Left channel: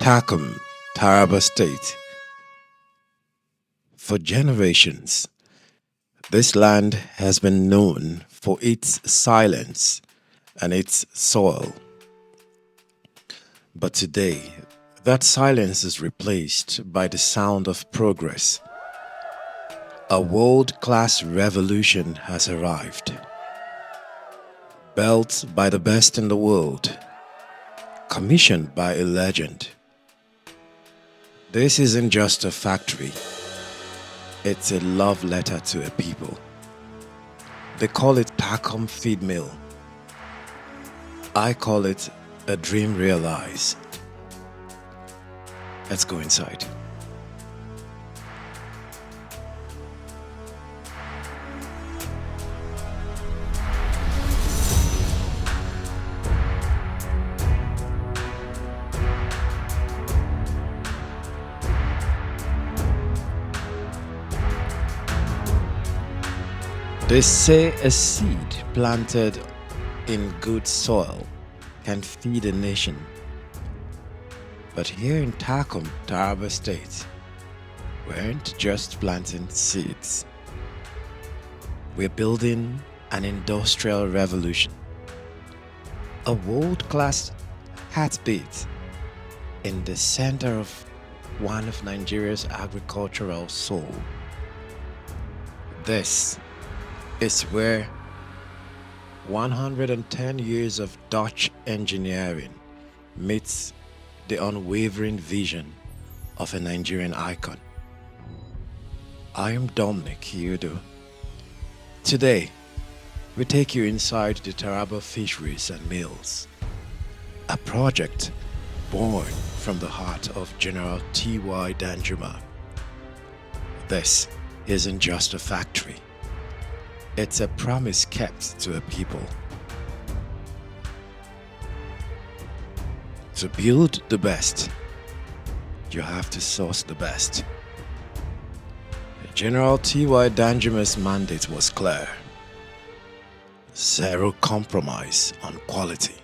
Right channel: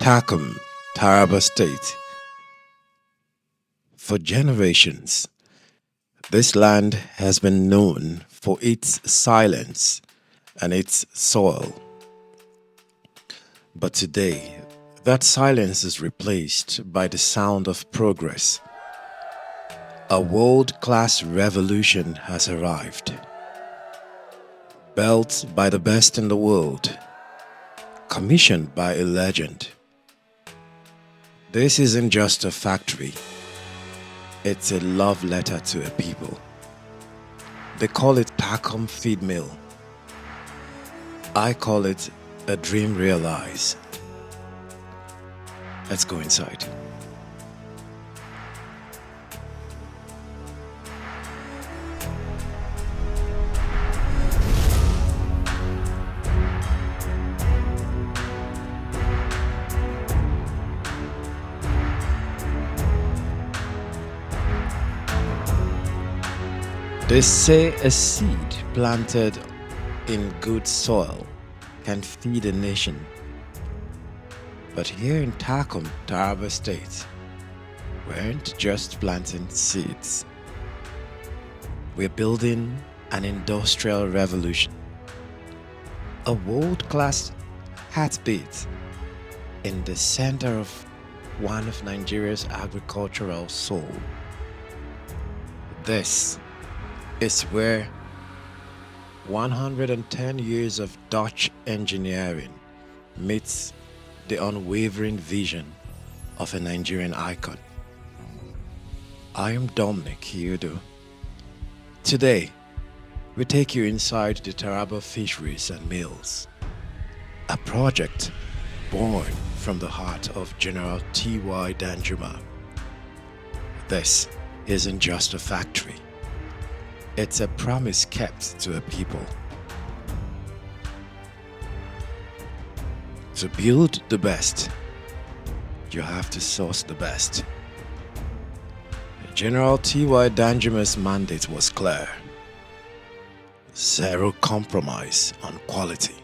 Takum, Taraba State. For generations, this land has been known for its silence and its soil. But today, that silence is replaced by the sound of progress. A world-class revolution has arrived, built by the best in the world, commissioned by a legend. This isn't just a factory, it's a love letter to a people. They call it Takum Feedmill. I call it a dream realized. Let's go inside. They say a seed planted in good soil can feed a nation. But here in Takum, Taraba State, we aren't just planting seeds. We're building an industrial revolution. A world-class heartbeat in the center of one of Nigeria's agricultural soul. This is where 110 years of Dutch engineering meets the unwavering vision of a Nigerian icon. I am Dominic Iyodo. Today, we take you inside the Taraba Fisheries and Mills, a project born from the heart of General T.Y. DANJUMA. This isn't just a factory. It's a promise kept to a people. To build the best, you have to source the best. General T.Y. DANJUMA'S mandate was clear. Zero compromise on quality.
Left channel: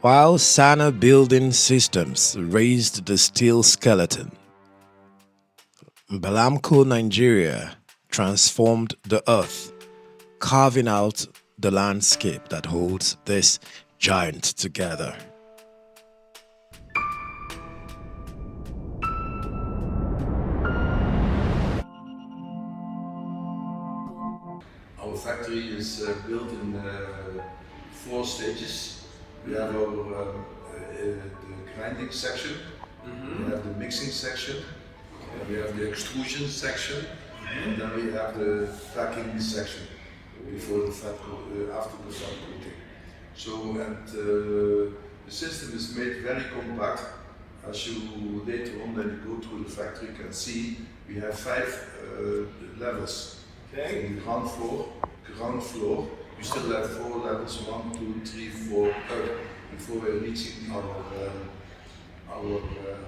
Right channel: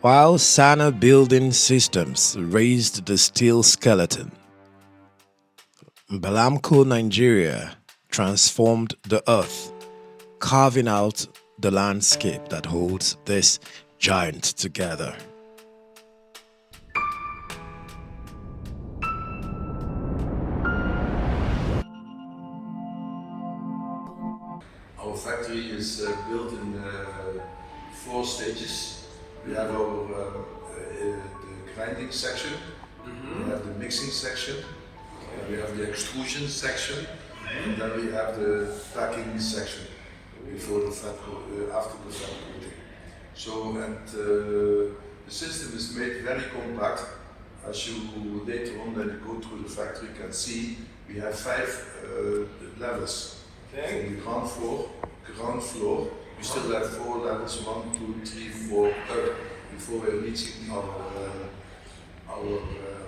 While Sana Building Systems raised the steel skeleton, Balamco Nigeria transformed the earth, carving out the landscape that holds this giant together. Our factory is built in 4 stages. We have our the grinding section, we have the mixing section, we have the extrusion section, and then we have the packing section before the after the fat coating. So, the system is made very compact. As you later on, when you go through the factory, can see we have 5 levels. Okay. From the ground floor, you still have 4 levels: 1, 2, 3, 4 before we're reaching our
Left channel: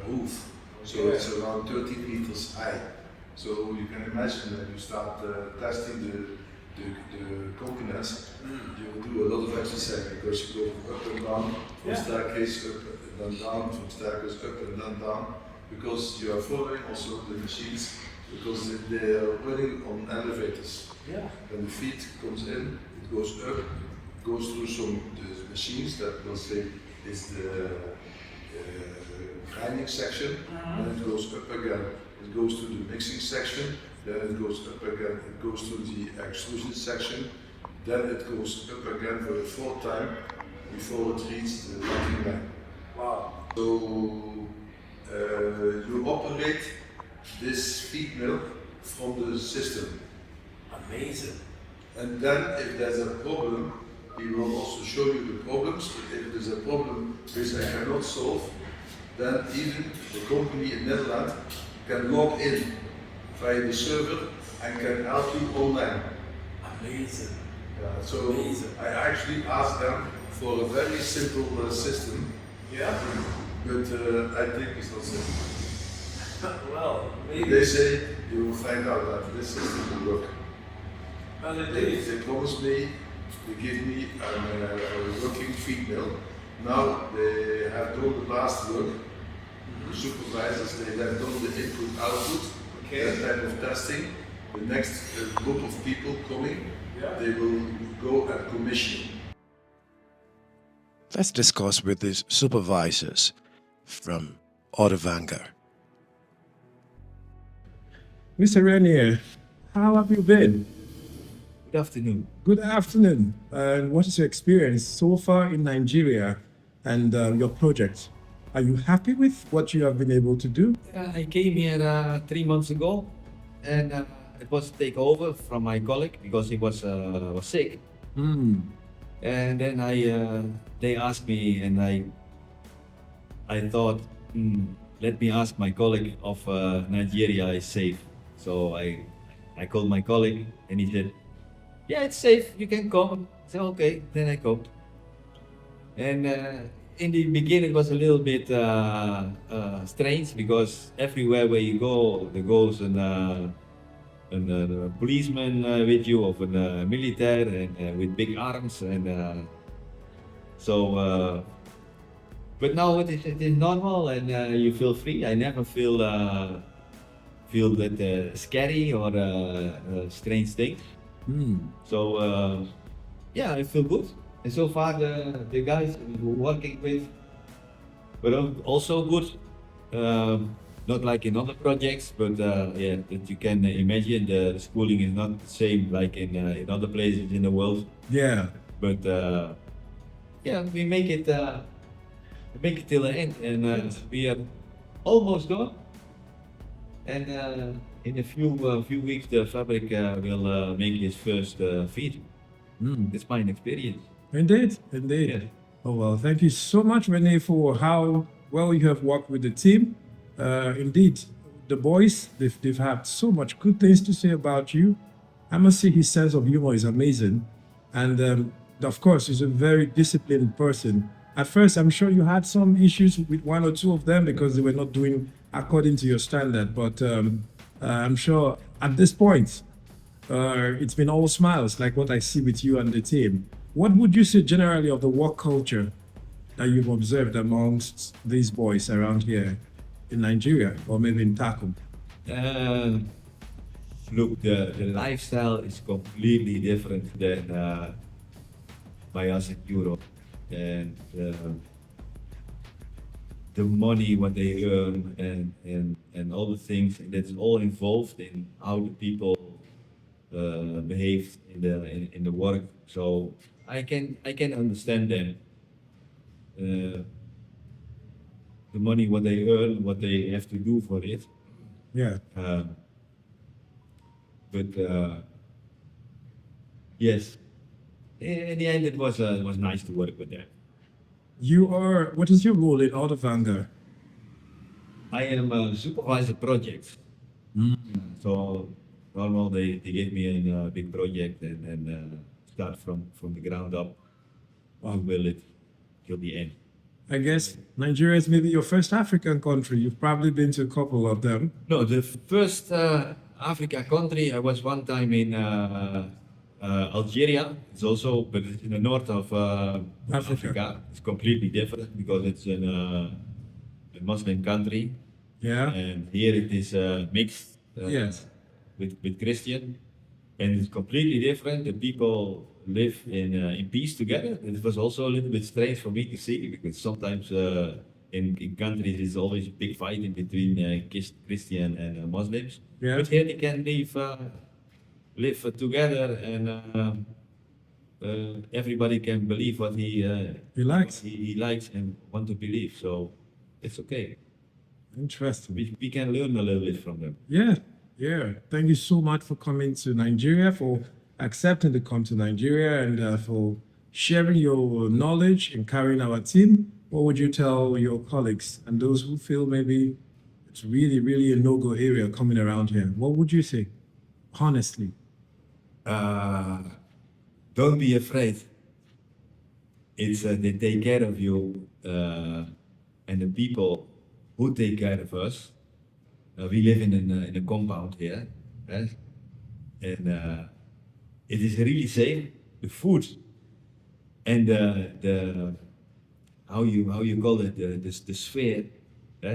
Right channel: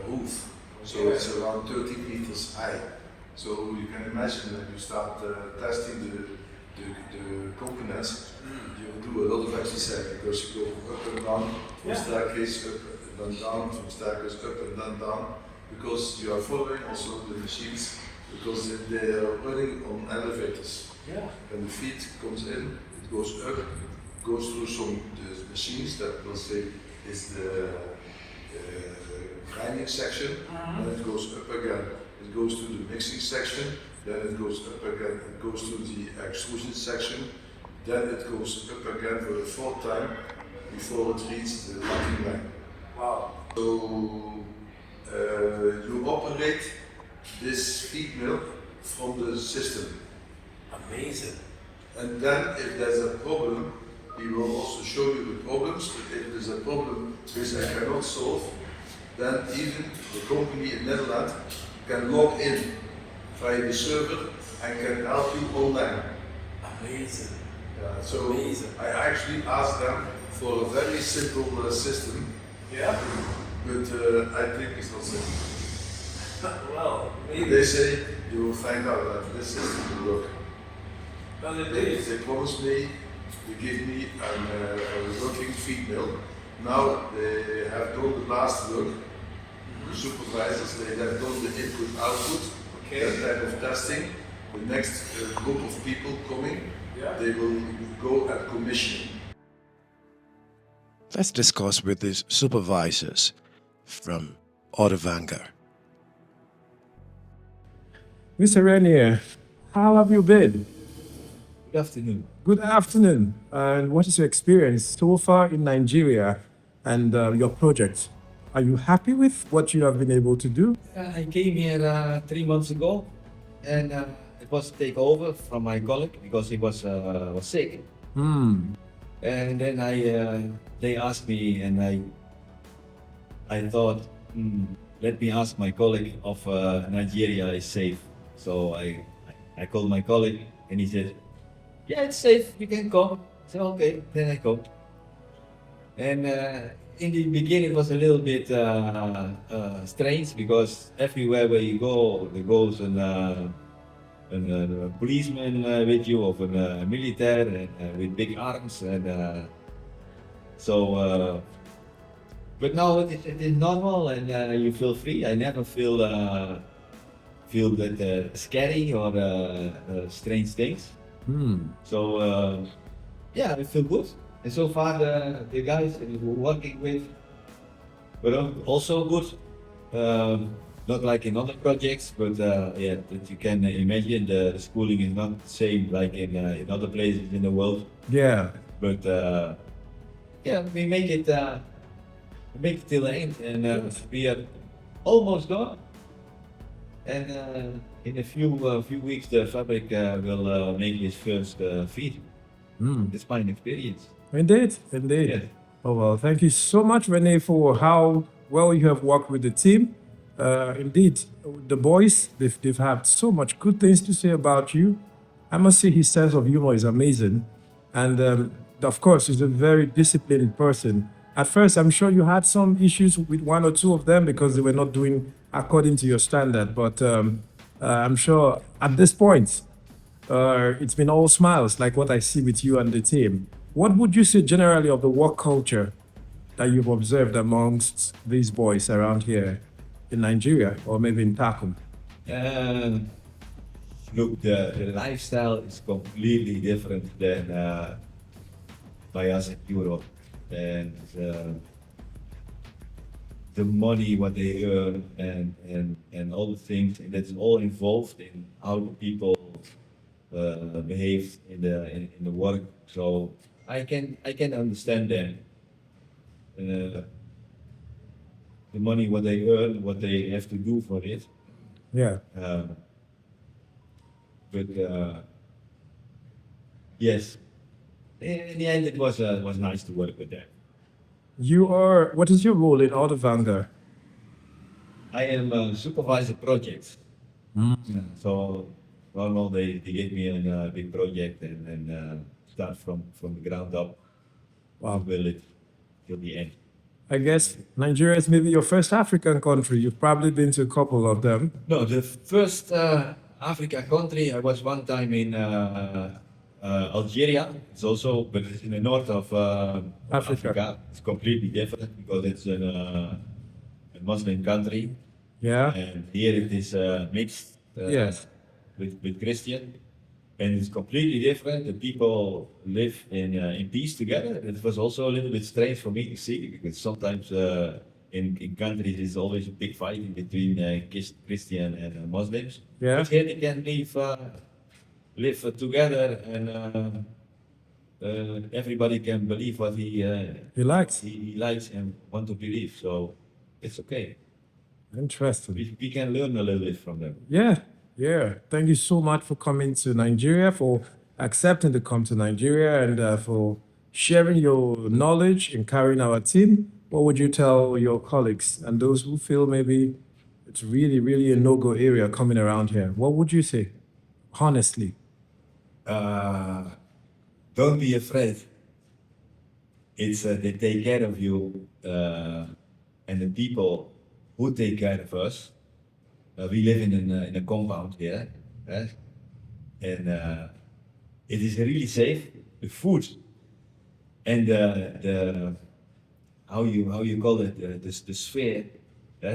roof. So it's around 30 meters high. So you can imagine when you start testing the coconuts, you do a lot of exercise because you go up and down, from staircase up and then down, from staircase up and then down, because you are following also the machines, because they are running on elevators. When the feed comes in, it goes up, goes through some the machines that will say is the grinding section, then it goes up again. It goes to the mixing section, then it goes up again. It goes to the extrusion section, then it goes up again for the 4th time before it reaches the packing line. Wow! So you operate this feed mill from the system. Amazing. And then if there's a problem, we will also show you the problems. If there's a problem which I cannot solve, then even the company in Netherlands can log in via the server and can help you online. Amazing. So amazing. I actually asked them for a very simple system. But I think it's not simple. Well, maybe. They say you will find out that this system will work. Well, They promised me to give me a working feed mill Now they have done the last work. Supervisors, they have done the input output, that type of testing. The next group of people coming, they will go and commission. Let's discuss with these supervisors from Ottevanger. Mr. Renier, how have you been? Good afternoon. Good afternoon. And what is your experience so far in Nigeria and your project? Are you happy with what you have been able to do? I came here 3 months ago, and it was a takeover from my colleague because he was sick. And then they asked me, and I thought, let me ask my colleague if Nigeria is safe. So I called my colleague, and he said, yeah, it's safe, you can come. I said, okay, then I come. And in the beginning, it was a little bit strange because everywhere where you go, there goes a policeman with you, or a military, and with big arms, and but now it is normal, and you feel free. I never feel that scary or strange things. So yeah, I feel good. And so far the guys we're working with were also good. Not like in other projects, but yeah, that you can imagine the schooling is not the same like in other places in the world. Yeah. But yeah, we make it till the end, and we are almost done. And in a few weeks, the fabric will make his first feed. That's my experience. Indeed, indeed. Yes. Oh, well, thank you so much, Rene, for how well you have worked with the team. Indeed, the boys, they've had so much good things to say about you. I must say his sense of humor is amazing. And of course, he's a very disciplined person. At first, I'm sure you had some issues with one or two of them because they were not doing according to your standard. But I'm sure at this point, it's been all smiles, like what I see with you and the team. What would you say generally of the work culture that you've observed amongst these boys around here in Nigeria, or maybe in Takum? Look, the lifestyle is completely different than by us in Europe, and the money what they earn and all the things, and that's all involved in how the people behave in the work. So I can understand them. The money what they earn, what they have to do for it. Yeah. But yes, in the end, it was nice to work with them. What is your role in Ottevanger? I am a supervisor projects. So normal they gave me a big project and start from the ground up. Wow. Build it till the end. I guess Nigeria is maybe your first African country. You've probably been to a couple of them. No, the first Africa country I was one time in Algeria. It's also, but it's in the north of Africa. It's completely different because it's a Muslim country. Yeah. And here it is mixed Yes. with Christian, and it's completely different. The people live in peace together. It was also a little bit strange for me to see because sometimes in countries there's always a big fight in between Christian and Muslims. Yeah. But here they can live together, and everybody can believe what he likes. He likes and want to believe. So it's okay. Interesting. We can learn a little bit from them. Yeah. Yeah. Thank you so much for coming to Nigeria, for accepting to come to Nigeria, and for sharing your knowledge and carrying our team. What would you tell your colleagues and those who feel maybe it's really, really a no-go area coming around here? What would you say, honestly? Don't be afraid. It's they take care of you, and the people who take care of us. We live in a compound here, and it is really safe. The food and how you call it, the sphere, the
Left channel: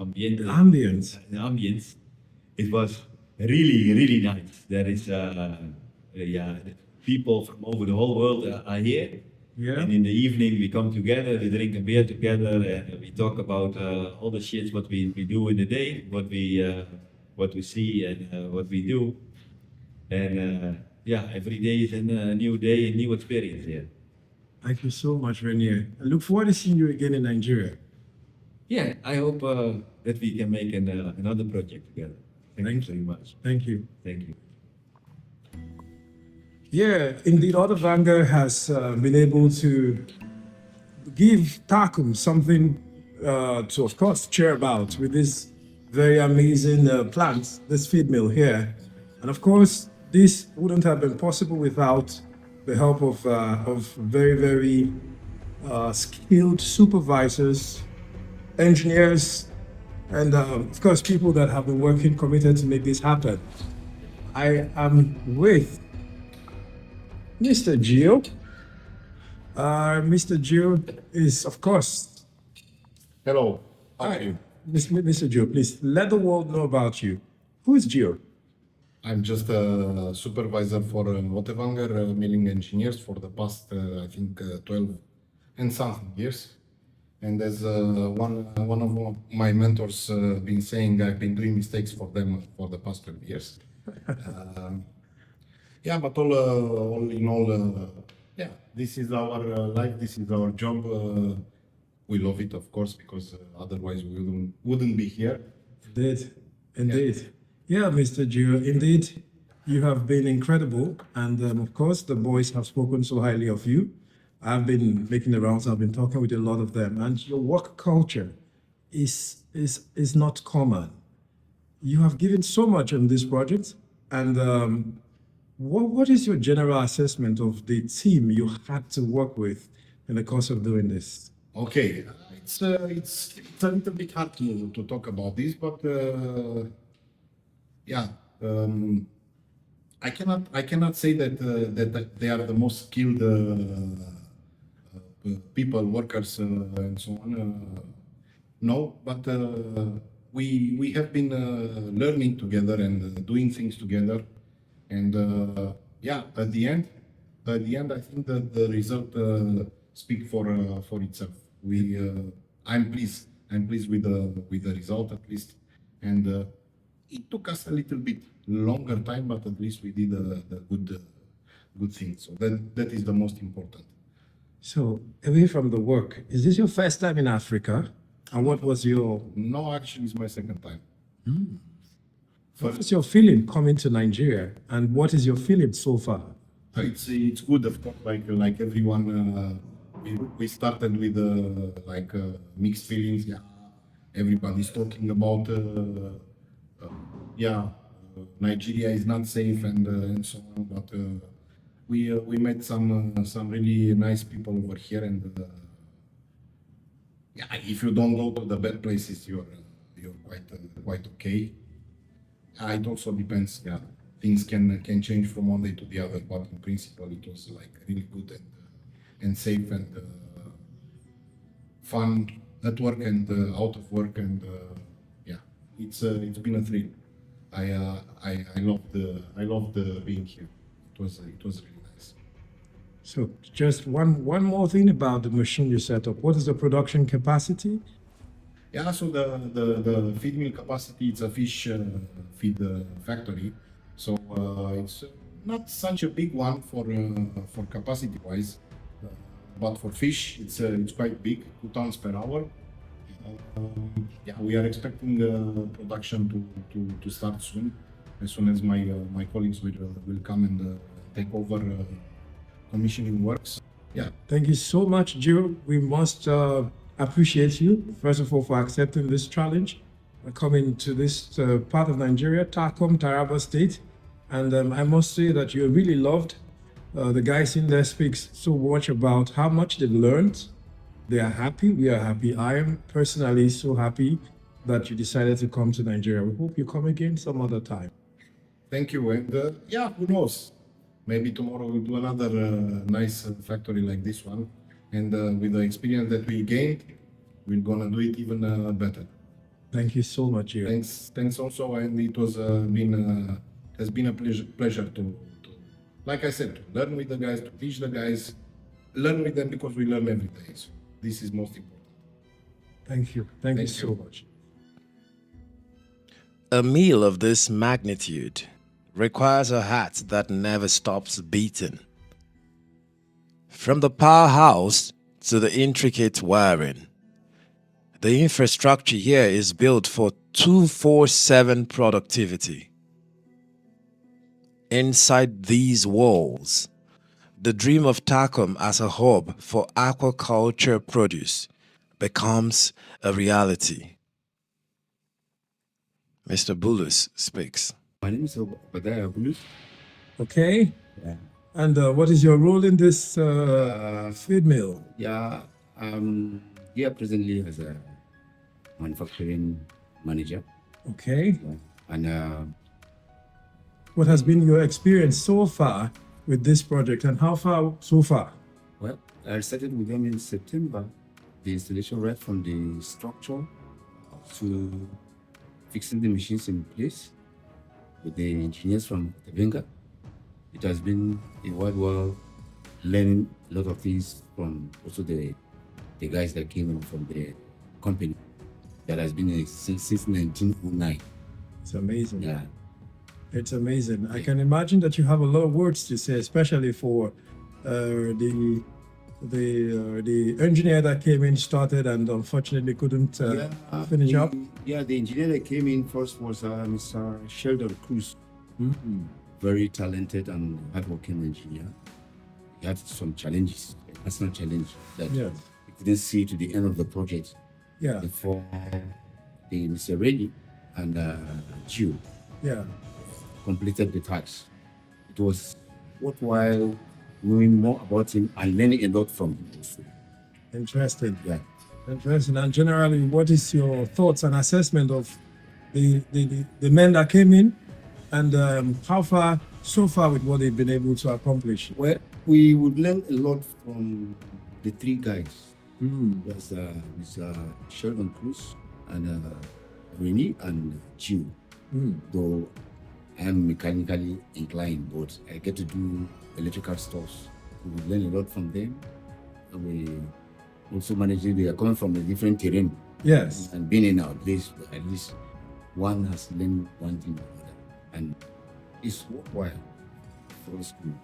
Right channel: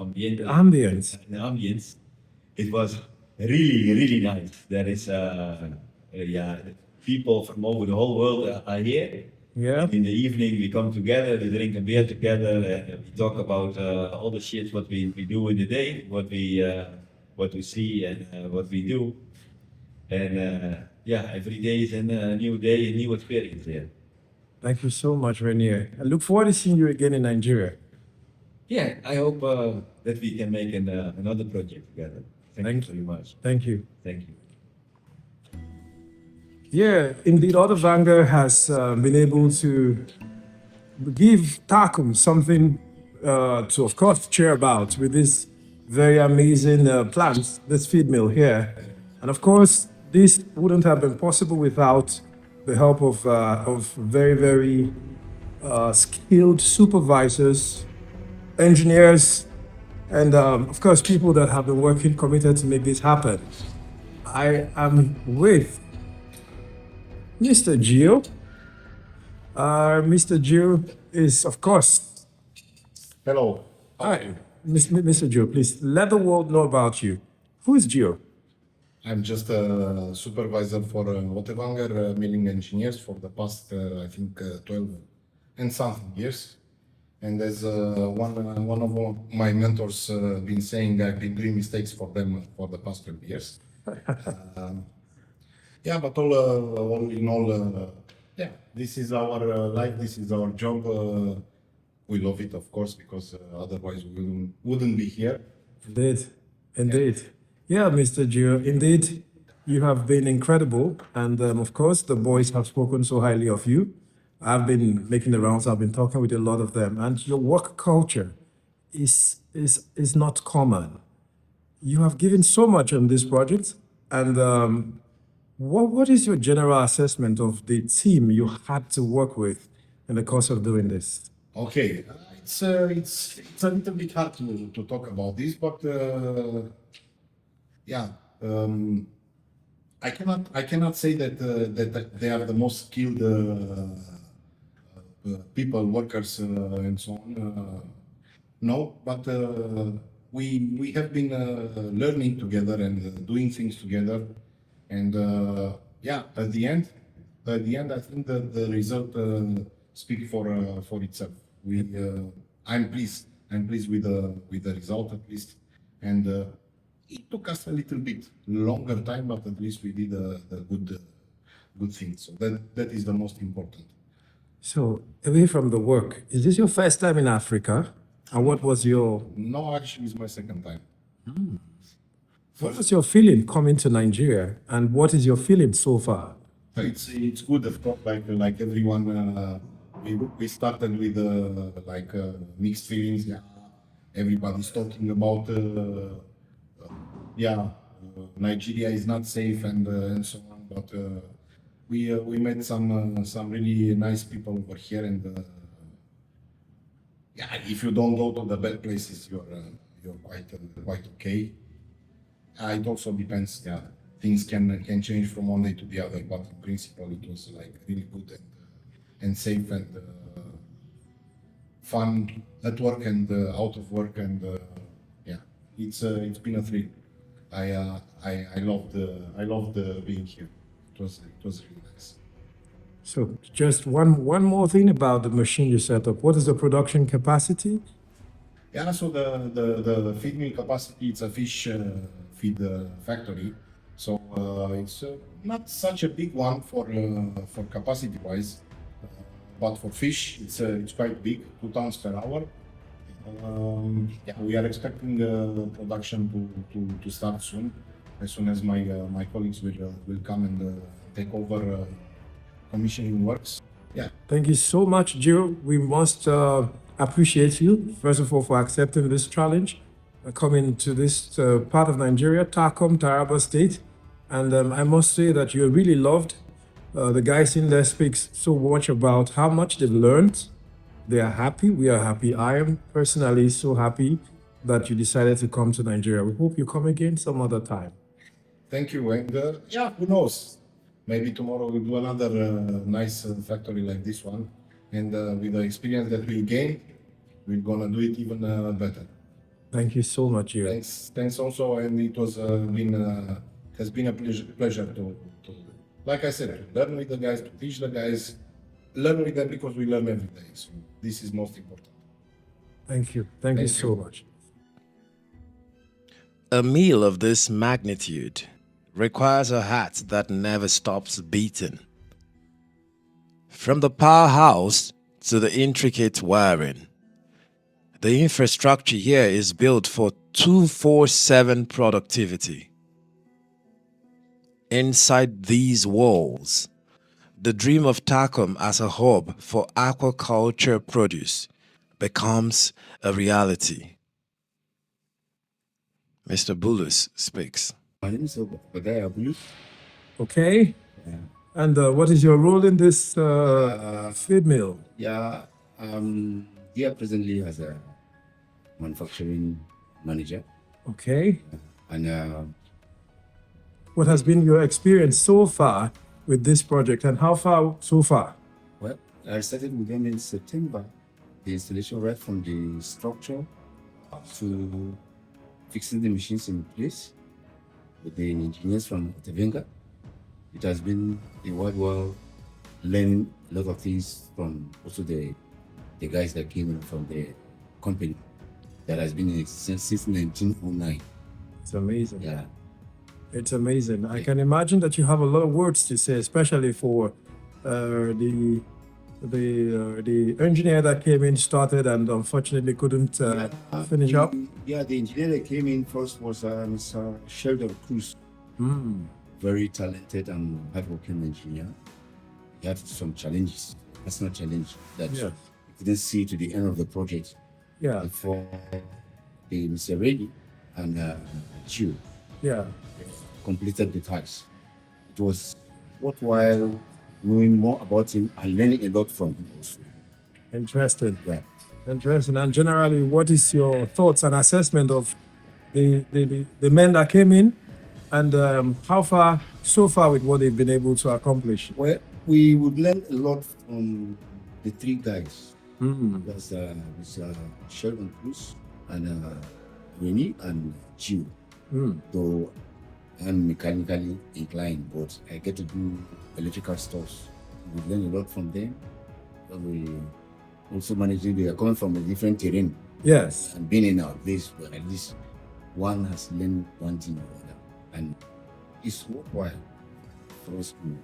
ambiente, Ambience. the ambience. It was really nice. There is people from over the whole world are here. Yeah. And in the evening we come together, we drink a beer together, and we talk about all the shit what we do in the day, what we see and what we do. And every day is a new day, a new experience here. Thank you so much, Renier. I look forward to seeing you again in Nigeria. Yeah, I hope that we can make another project together. Thank you very much. Thank you. Thank you. Yeah, indeed, Ottevanger has been able to give Takum something to, of course, cheer about with this very amazing plants, this feed mill here. And of course, this wouldn't have been possible without the help of very skilled supervisors, engineers, and of course, people that have been working committed to make this happen. I am with Mr. Gio. Mr. Gio is, of course. Hello. Hi, Mr. Gio. Please let the world know about you. Who is Gio? I'm just a supervisor for Ottevanger milling engineers for the past, I think, 12 and something years. And as one of my mentors been saying, I've been doing mistakes for them for the past 12 years. But all in all, this is our life, this is our job. We love it, of course, because otherwise we wouldn't be here. Indeed. Yeah, Mr. Gio, indeed, you have been incredible. And of course, the boys have spoken so highly of you. I've been making the rounds, I've been talking with a lot of them. And your work culture is not common. You have given so much on this project. And what is your general assessment of the team you had to work with in the course of doing this? Okay, it's a little bit hard to talk about this, but I cannot say that they are the most skilled people, workers, and so on. No, but we have been learning together and doing things together, and at the end, I think that the result speaks for itself. I'm pleased with the result, at least, and it took us a little bit longer time, but at least we did the good thing. So that is the most important. So, away from the work, is this your first time in Africa? And what was your... No, actually, it's my second time. What was your feeling coming to Nigeria? And what is your feeling so far? It's good, of course, like everyone. We started with mixed feelings. Yeah, everybody's talking about Nigeria is not safe and so on. But we met some really nice people over here, and if you don't go to the bad places, you're quite okay. It also depends. Yeah, things can change from one day to the other, but in principle, it was like really good and safe and fun at work and out of work, and it's been a thrill. I loved being here. It was really nice. So just one more thing about the machine you set up. What is the production capacity? Yeah, so the feed mill capacity, it's a fish feed factory. So it's not such a big one for capacity wise, but for fish it's quite big, 2 tons per hour. We are expecting production to start soon, as soon as my colleagues will come and take over commissioning works. Yeah. Thank you so much, Gio. We must appreciate you, first of all, for accepting this challenge, coming to this part of Nigeria, Takum, Taraba State. And I must say that you're really loved. The guys in there speak so much about how much they've learned. They are happy. We are happy. I am personally so happy that you decided to come to Nigeria. We hope you come again some other time. Thank you. And who knows? Maybe tomorrow we'll do another nice factory like this one. and with the experience that we gained, we're gonna do it even better. Thank you so much, you. Thanks also, and it has been a pleasure to, like I said, to learn with the guys, to teach the guys, learn with them because we learn every day. So this is most important. Thank you. Thank you so much. A meal of this magnitude requires a heart that never stops beating. From the powerhouse to the intricate wiring, the infrastructure here is built for 24/7 productivity. Inside these walls, the dream of Takum as a hub for aquaculture produce becomes a reality. Mr. Bulus speaks. My name is Ottevanger. Okay. Yeah. And what is your role in this feed mill? Yeah, here presently as a manufacturing manager. Okay. Yeah. And What has been your experience so far with this project, and how far so far? well, I started with them in September. The installation right from the structure to fixing the machines in place with the engineers from Ottevanger. It has been a worthwhile learning a lot of things from also the guys that came in from the company that has been in since 1909. It's amazing. Yeah. It's amazing. I can imagine that you have a lot of words to say, especially for the engineer that came in, started, and unfortunately couldn't finish up. Yeah, the engineer that came in first was Mr. Sheldon Cruz. Very talented and hardworking engineer. He had some challenges, personal challenge that Yeah. he didn't see to the end of the project Yeah, before the Mr. Reddy and Gio yeah. completed the task. It was worthwhile knowing more about him and learning a lot from him also. Interesting. Yeah. Interesting. And generally, what is your thoughts and assessment of the men that came in, and how far so far with what they've been able to accomplish? Well, we would learn a lot from the three guys. That's Mr. Sheldon Cruz and Winnie and Gio. Though I'm mechanically inclined, but I get to do electrical stuff. We would learn a lot from them. And we also managing, they are coming from a different terrain Yes. and being in our place, but at least one has learned one thing or other. And it's worthwhile for us to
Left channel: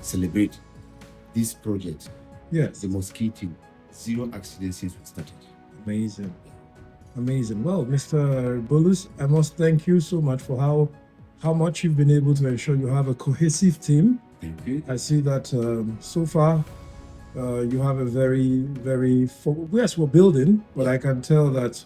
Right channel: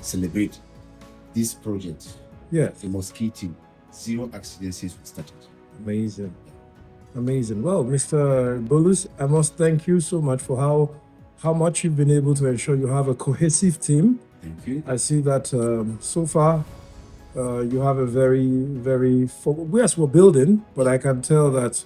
celebrate this project. Yes. The most key thing, 0 accidents since we started. Amazing. Amazing. Well, Mr. Bulus, I must thank you so much for how much you've been able to ensure you have a cohesive team. Thank you. I see that so far you have a very yes, we're building, but I can tell that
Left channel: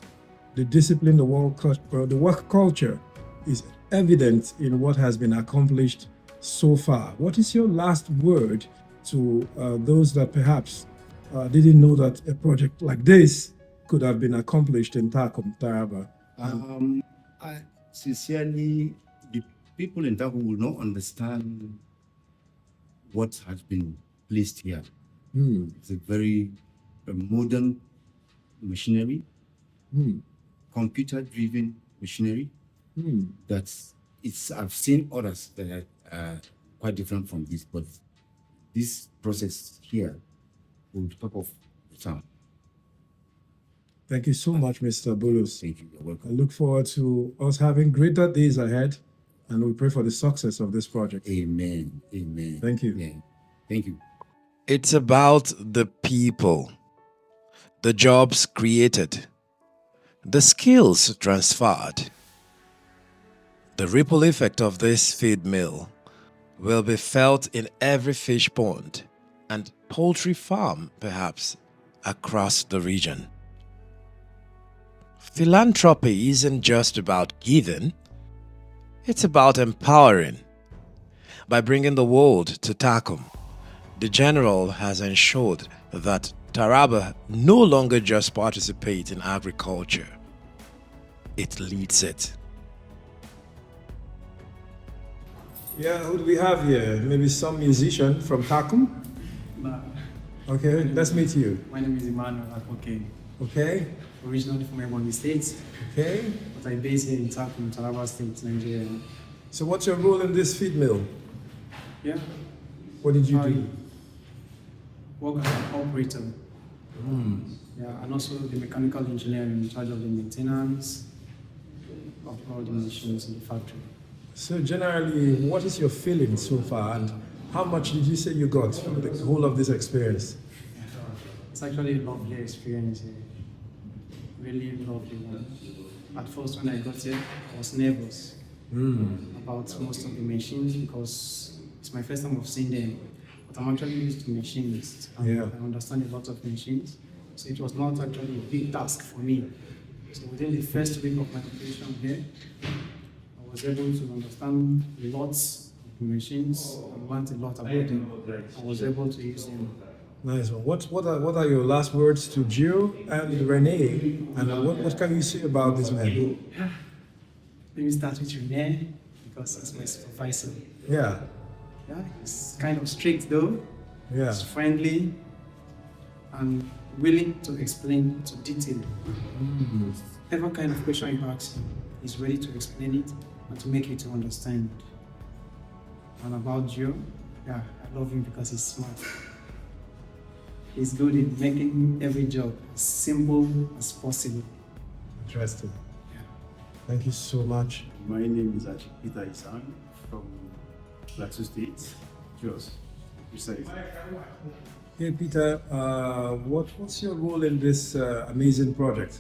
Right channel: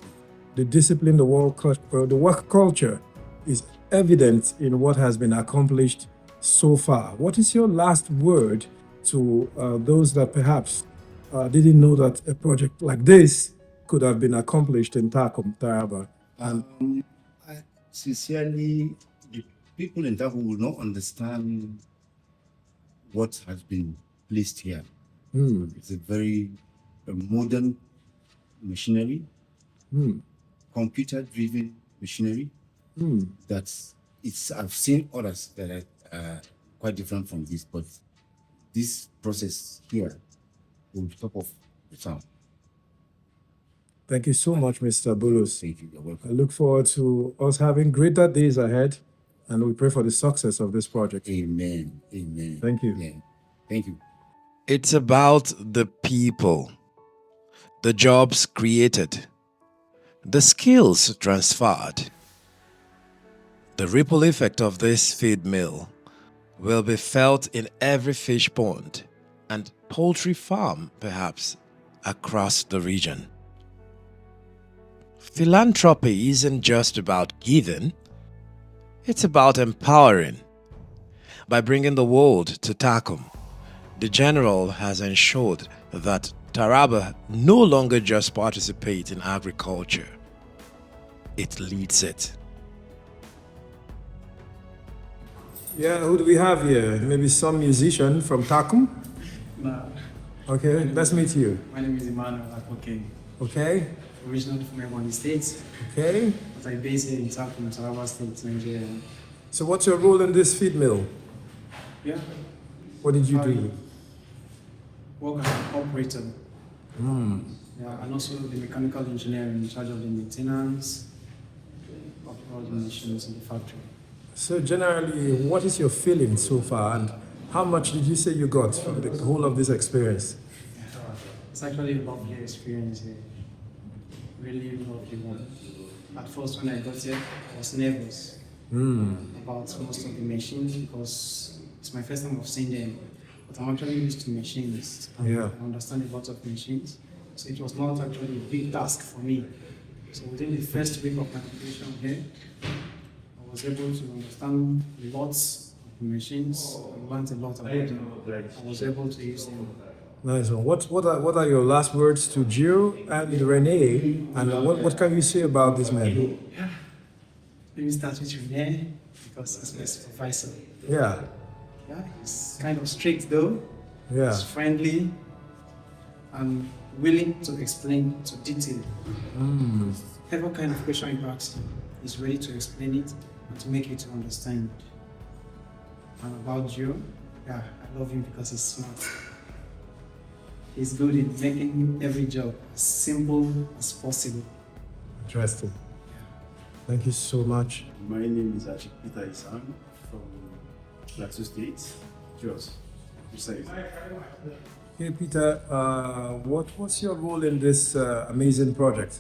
the discipline, the work culture is evident in what has been accomplished so far. What is your last word to those that perhaps didn't know that a project like this could have been accomplished in Takum, Taraba? I sincerely, the people in Takum will not understand what has been placed here. It's a very modern machinery, computer-driven machinery. I've seen others that are quite different from this, but this process here will be top of the town. Thank you so much, Mr. Bulus. Thank you. You're I welcome. look forward to us having greater days ahead, and we pray for the success of this project. Amen. Amen. Thank you. Yeah. Thank you. It's about the people, the jobs created, the skills transferred. The ripple effect of this feed mill will be felt in every fish pond and poultry farm, perhaps, across the region. Philanthropy isn't just about giving, it's about empowering. By bringing the world to Takum, the General has ensured that Taraba no longer just participates in agriculture, it leads it. Yeah, who do we have here? Maybe some musician from Takum? Okay, let's meet you. My name is Emmanuel Aquaculture. Okay, Originally from Ebonyi State, okay. but I'm based in Takum, Taraba State, Nigeria. So what's your role in this feed mill? Yeah. What did you I do? work as an operator. Yeah, and also the mechanical engineer in charge of the maintenance of all the machines in the factory. So generally, what is your feeling so far, and how much did you say you got from the whole of this experience? It's actually a lovely experience here. Really lovely one. At first, when I got here, I was nervous about most of the machines because it's my first time of seeing them. But I'm actually used to machines. Yeah. I understand a lot of machines. So it was not actually a big task for me. So within the first week of my operation here, I was able to understand lots of machines. I learned a lot about them. I was able to use them. Nice one. What are your last words to Gio and Renee, and what can you say about this man? Let me start with Renee because he's my supervisor. Yeah, Yeah, he's kind of strict though. yeah. He's friendly and willing to explain to detail. Whatever kind of question you ask him, he's ready to explain it and to make you to understand. And about Gio, yeah, I love him because he's smart. He's good in making every job as simple as possible. Interesting. Thank you so much. My name is Peter Isan from Plateau State, Jos. Hey Peter, what's your role in this amazing project?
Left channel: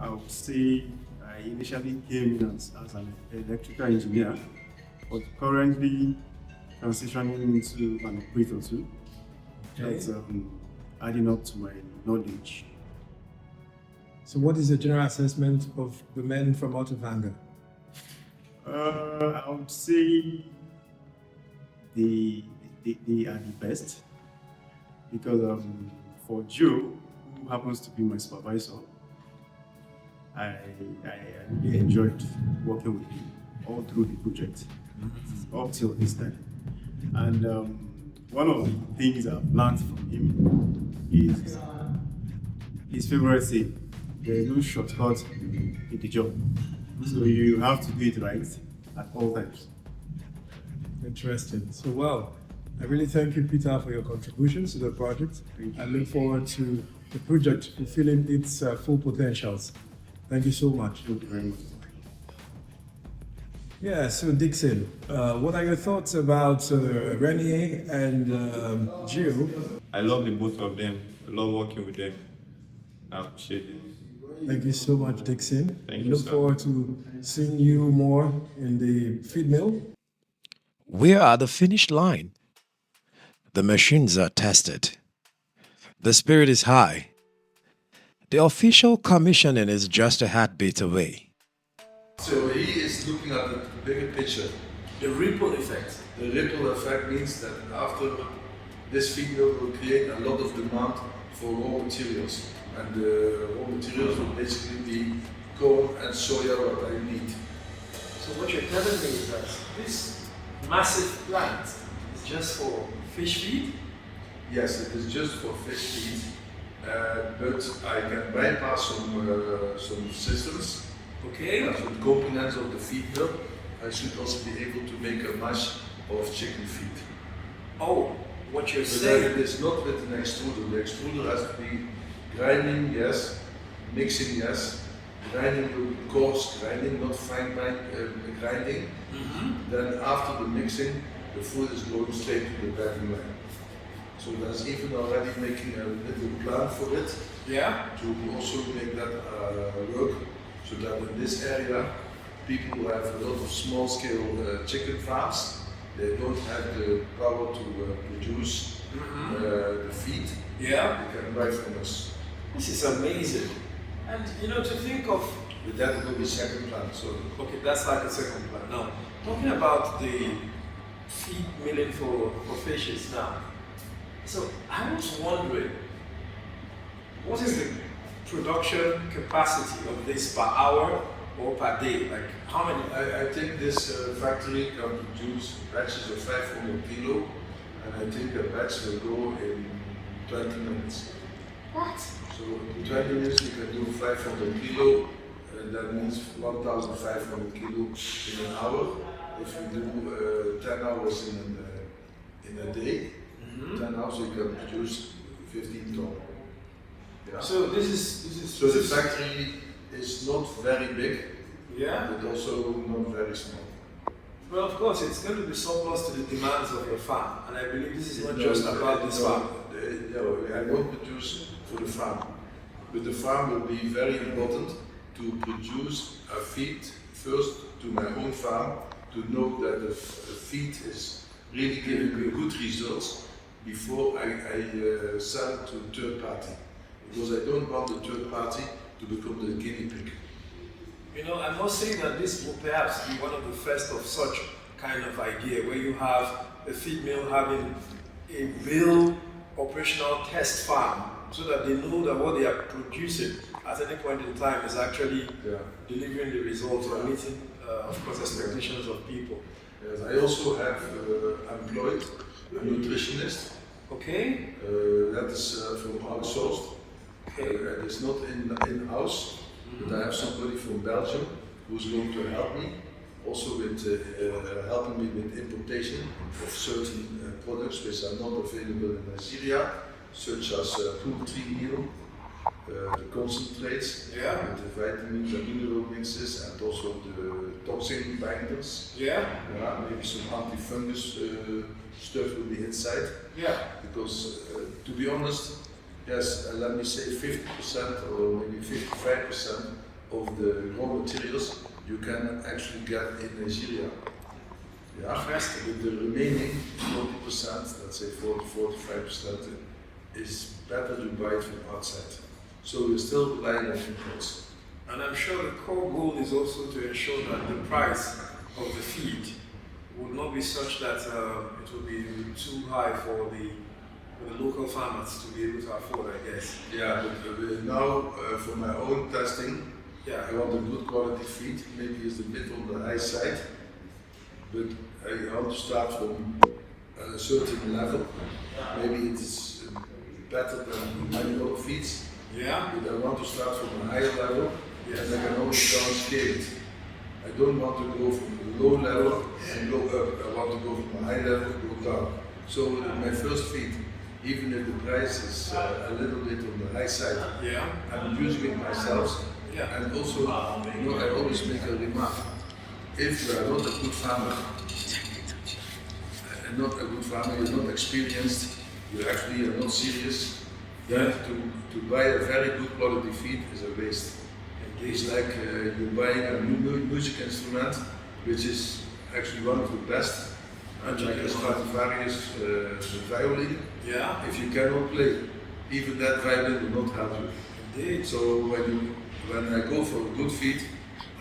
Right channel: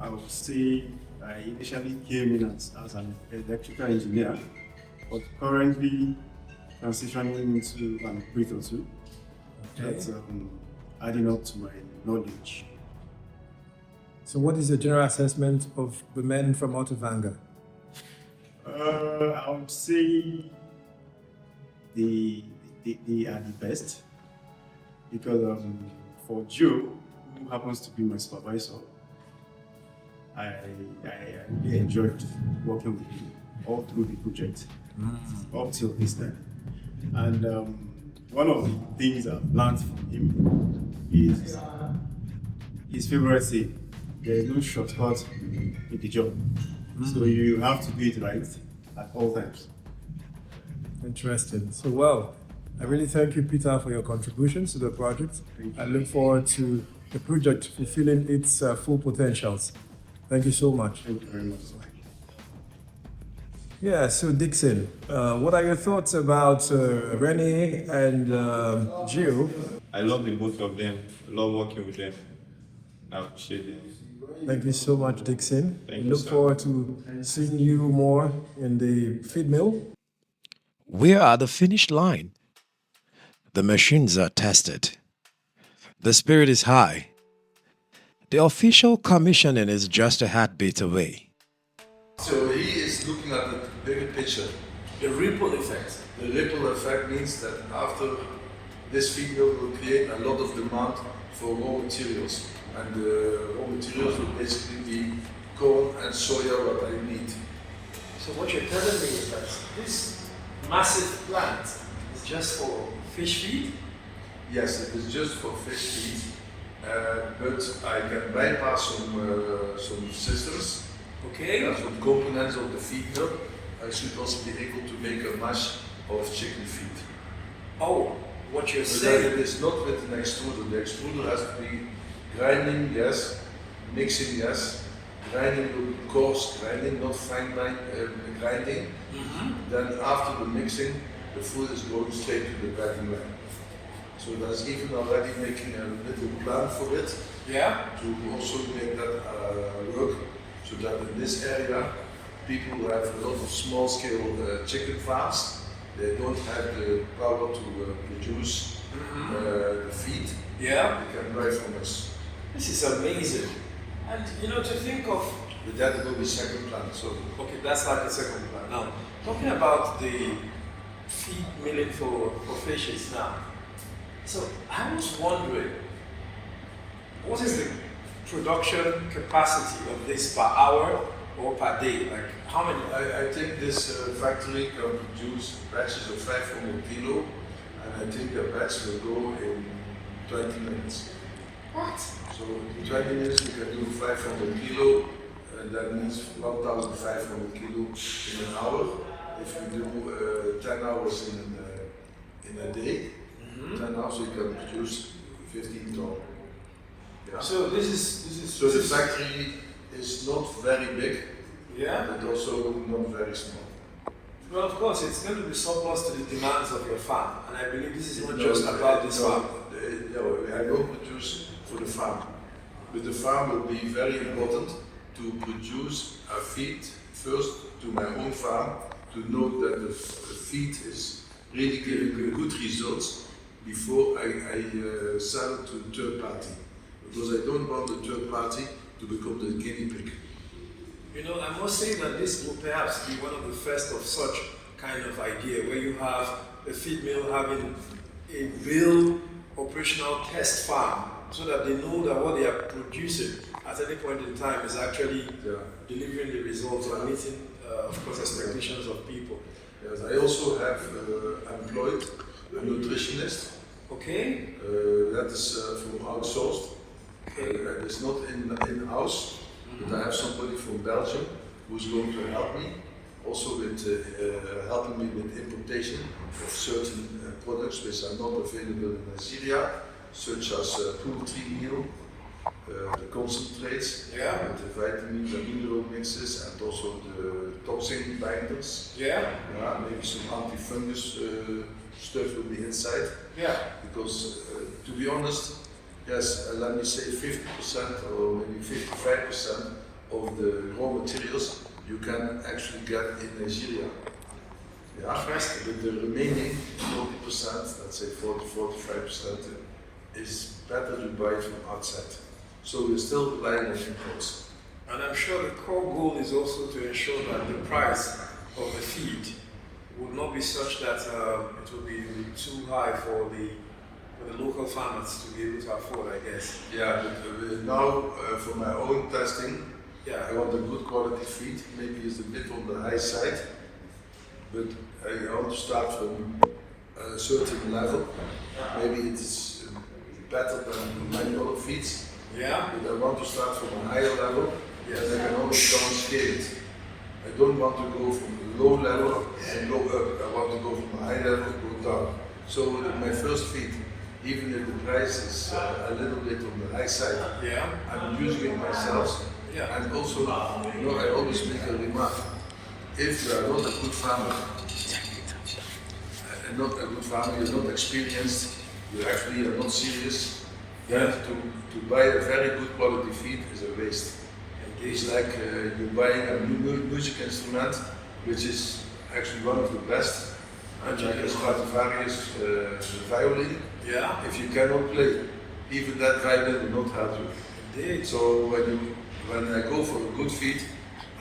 I would say I initially came in as an electrical engineer, but currently transitioning into an operator too. That's adding up to my knowledge. So what is the general assessment of the men from Ottevanger? I would say they are the best because for Joe, who happens to be my supervisor, I really enjoyed working with him all through the project up till this time. And one of the things I've learned from him is his favorite saying: there is no shortcut in the job. So you have to do it right at all times. Interesting. So well, I really thank you, Peter, for your contributions to the project. I look forward to the project fulfilling its full potentials. Thank you so much. Thank you very much. Yeah, so Dixon, what are your thoughts about Renee and Gio? I love the both of them. I love working with them. I appreciate them. Thank you so much, Dixon. Thank We you, look sir. forward to seeing you more in the feed mill. We are at the finish line. The machines are tested. The spirit is high. The official commissioning is just a heartbeat away. So he is looking at the bigger picture, the ripple effect. The ripple effect means that after this video will create a lot of demand for raw materials. And the raw materials will basically be corn and soya, what I need. So what you're telling me is that this massive plant is just for fish feed? Yes, it is just for fish feed, but I can bypass some systems. Okay. Some components of the feed mill. I should also be able to make a mash of chicken feed. Oh, what you're But then it saying. is not with an extruder. The extruder has to be grinding, yes, mixing, yes. Grinding will be coarse grinding, not fine grinding. Then after the mixing, the food is going straight to the grinding line. So that's even already making a little plan for it. Yeah. To also make that work, so that in this area, people who have a lot of small-scale chicken farms, they don't have the power to produce the feed. Yeah. They can buy from us. This is amazing. And you know, to think of, But that will be second plan. So okay, that's like a second plan. Now, talking about the feed milling for fishes now. So I was wondering, what is the production capacity of this per hour or per day? Like how many? I think this factory can produce batches of 500 kilo, and I think a batch will go in 20 minutes. What? So in 20 minutes we can do 500 kilo, and that means 1,500 kilo in an hour. If you do 10 hours in a day, 10 hours you can produce 15 tons. Yeah. So this is So the factory is not very big, yeah. but also not very small. Well, of course, it's going to be surplus to the demands of your farm, and I believe this is not just about this farm. I don't produce for the farm, but the farm will be very important to produce a feed first to my own farm, to know that the feed is really giving good results before I sell it to a third party. Because I don't want the third party to become the guinea pig. You know, I must say that this will perhaps be one of the first of such kind of idea, where you have a feed mill having a real operational test farm, so that they know that what they are producing at any point in time is actually delivering the results or meeting, of course, expectations of people. Yes, I also have employed a nutritionist. Okay. That is from outsourced. It's not in-house, but I have somebody from Belgium who's going to help me, also with helping me with importation of certain products which are not available in Nigeria, such as poultry meal, the concentrates, the vitamins and mineral mixes, and also the toxin binders. Maybe some anti-fungus stuff will be inside. Because to be honest, yes, let me say 50% or maybe 55% of the raw materials you can actually get in Nigeria. But the remaining 40%, let's say 40-45%, is better to buy from outside. So we're still relying on imports. And I'm sure the core goal is also to ensure that the price of the feed would not be such that it will be too high for the local farmers to be able to afford, I guess. But now for my own testing, I want a good quality feed. Maybe it's a bit on the high side, but I want to start from a certain level. Maybe it's better than many other feeds. But I want to start from a higher level, and I can always downscale it. I don't want to go from a low level and go up. I want to go from a high level and go down. So my first feed, even if the price is a little bit on the high side, I'm using it myself. And also, you know, I always make a remark. If you are not a good farmer, you're not experienced, you actually are not serious, then to buy a very good quality feed is a waste. It's like you're buying a music instrument, which is actually one of the best, like a Stradivarius violin. If you cannot play, even that violin will not help you. Indeed. So when I go for a good feed,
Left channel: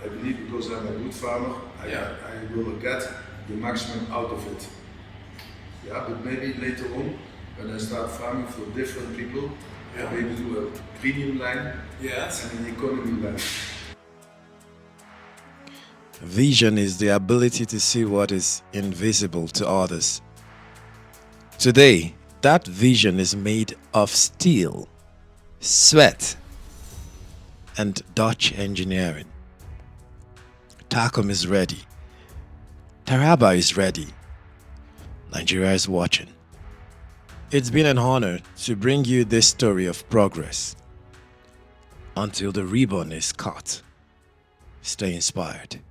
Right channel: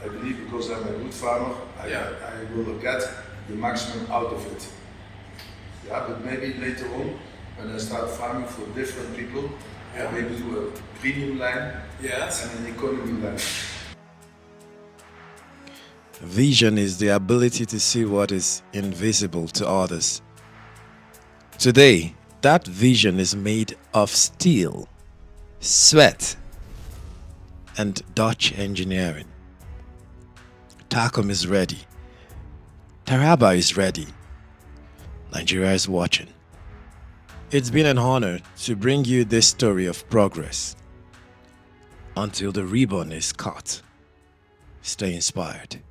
I believe because I'm a good farmer, I will get the maximum out of it. But maybe later on, when I start farming for different people, I maybe do a premium line and an economy line. Vision is the ability to see what is invisible to others. Today, that vision is made of steel, sweat, and Dutch engineering. Takum is ready. Taraba is ready. Nigeria is watching. It's been an honor to bring you this story of progress. Until the ribbon is cut, stay inspired.